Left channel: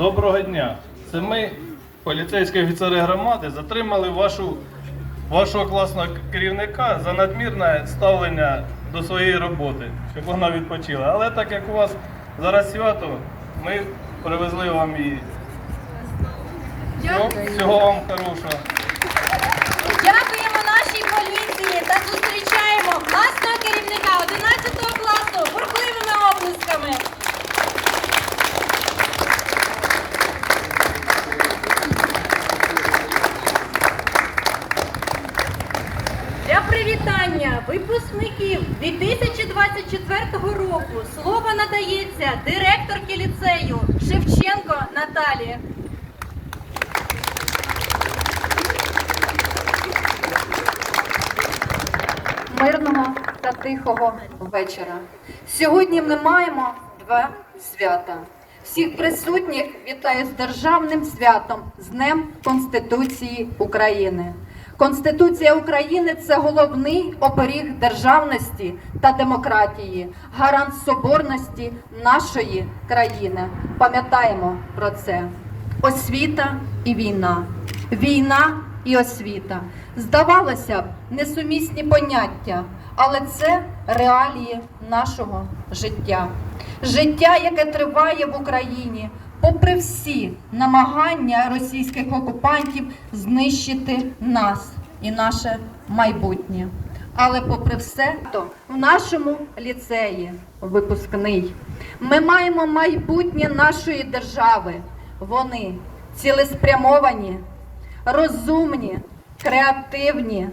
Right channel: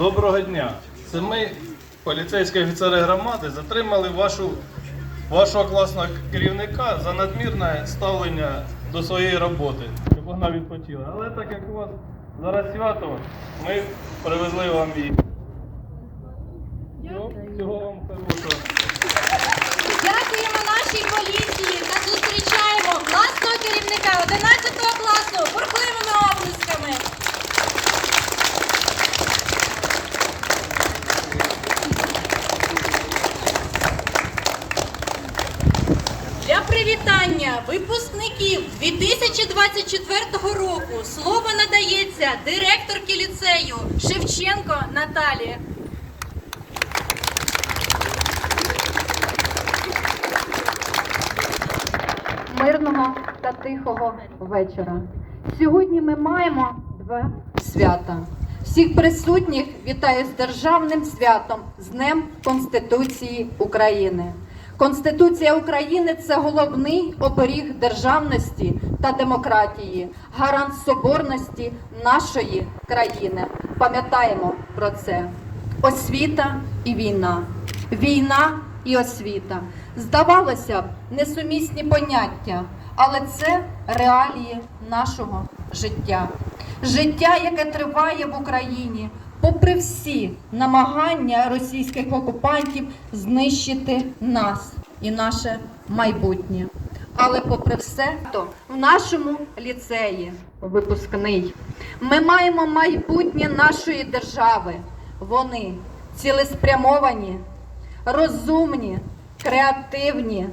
Доброго дня. Це ми, поліцейські офіцери громади, затримали вашу, вашого класного керівника за надмірне ставлення до своєї роботи, щоб вона відпочила. Але так як у вас зараз свято, ми привезли вам її. Всього, вам хорошого. Для привітання випускників 2024 року слово надається директорці ліцею Шевченко Наталії. мирного та тихого вечора. Сьогодні ми маємо два свята. Всіх присутніх вітаю з державним святом, з Днем Конституції України. Конституція України це головний оберіг державності та демократії, гарант соборності нашої країни. Пам'ятаємо про це. Освіта і війна. Війна і освіта. Здавалося б, несумісні поняття, але це реалії нашого життя. Життя, яке триває в Україні, попри всі намагання російських окупантів знищити нас і наше майбутнє. Але попри все, то в нашому ліцеї випускний ми маємо майбутнє нашої держави. Вони цілеспрямовані, розумні, креативні,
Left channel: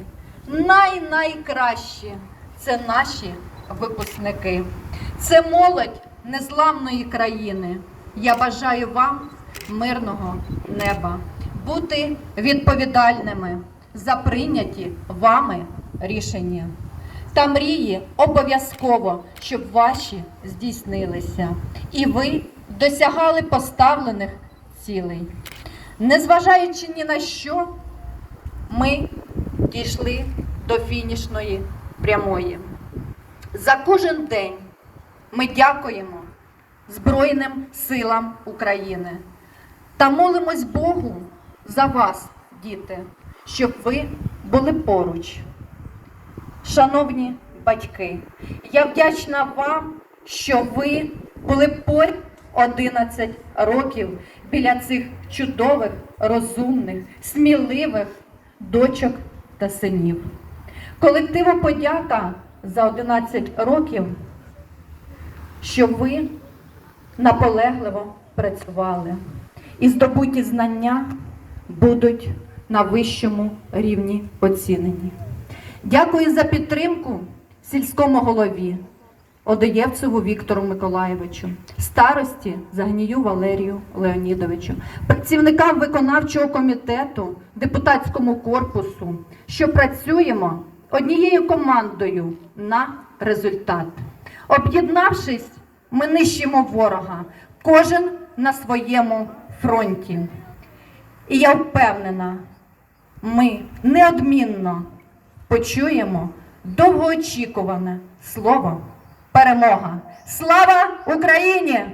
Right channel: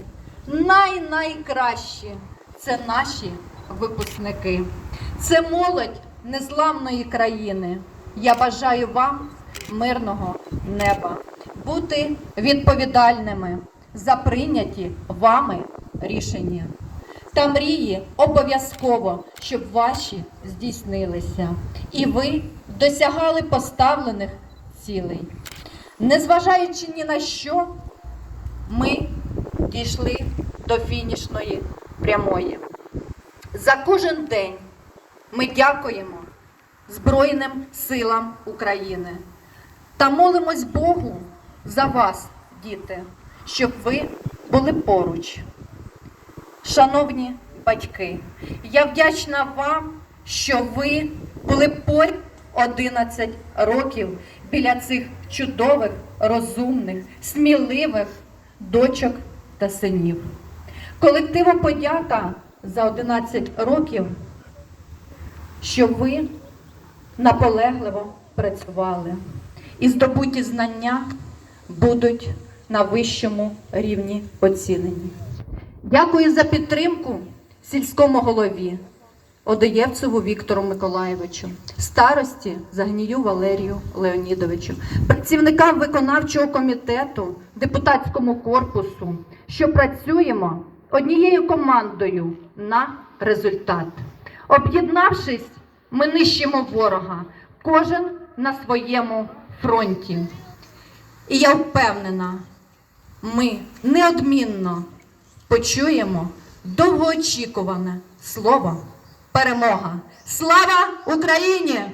най-найкращі це наші випускники. Це молодь незламної країни. Я бажаю вам мирного неба, бути відповідальними за прийняті вами рішення. Та мрії обов'язково, щоб ваші здійснилися, і ви досягали поставлених цілей. Незважаючи ні на що, ми дійшли до фінішної прямої. За кожен день ми дякуємо Збройним силам України та молимось Богу за вас, діти, щоб ви були поруч. Шановні батьки, я вдячна вам, що ви були поряд 11 років біля цих чудових, розумних, сміливих дочок та синів. Колективу подяка за 11 років, що ви наполегливо працювали. І здобуті знання будуть на вищому рівні оцінені. Дякую за підтримку сільському голові Одоєвцеву Віктору Миколаєвичу, старості Загнію Валерію Леонідовичу, працівникам виконавчого комітету, депутатському корпусу, що працюємо однією командою на результат. Об'єднавшись, ми нищимо ворога, кожен на своєму фронті. І я впевнена, ми неодмінно почуємо довгоочікуване слово перемога. Слава Україні!